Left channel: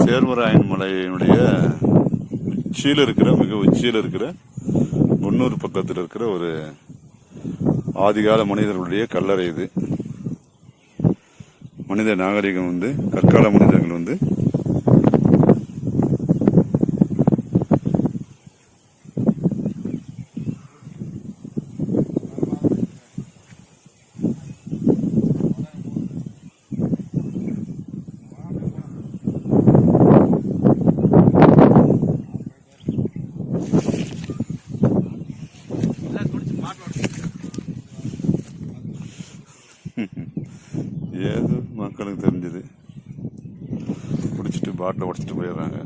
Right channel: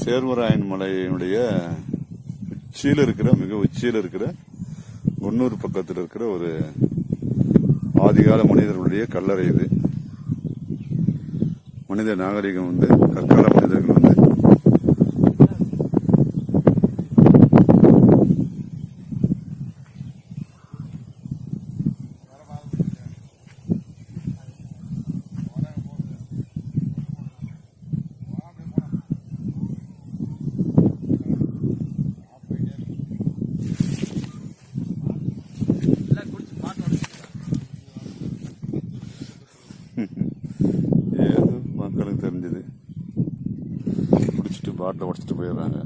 சேர்வராயன் மலையினுடைய உச்சியில் இருக்கிற மிக உச்சியில் இருக்கிற குன்னூர் பக்கத்தில் இருக்கிற ஒரு ஆதிகால மனிதர்களுடைய கல்லறை இது. மனித நாகரிகம் வந்து கற்கால மனிதர்கள் வந்து ஏதோ மக்களுக்கு தெரிஞ்சது குடிச்சிட்டு பாட்டில் உடச்சிட்டு போயிடுறாங்க.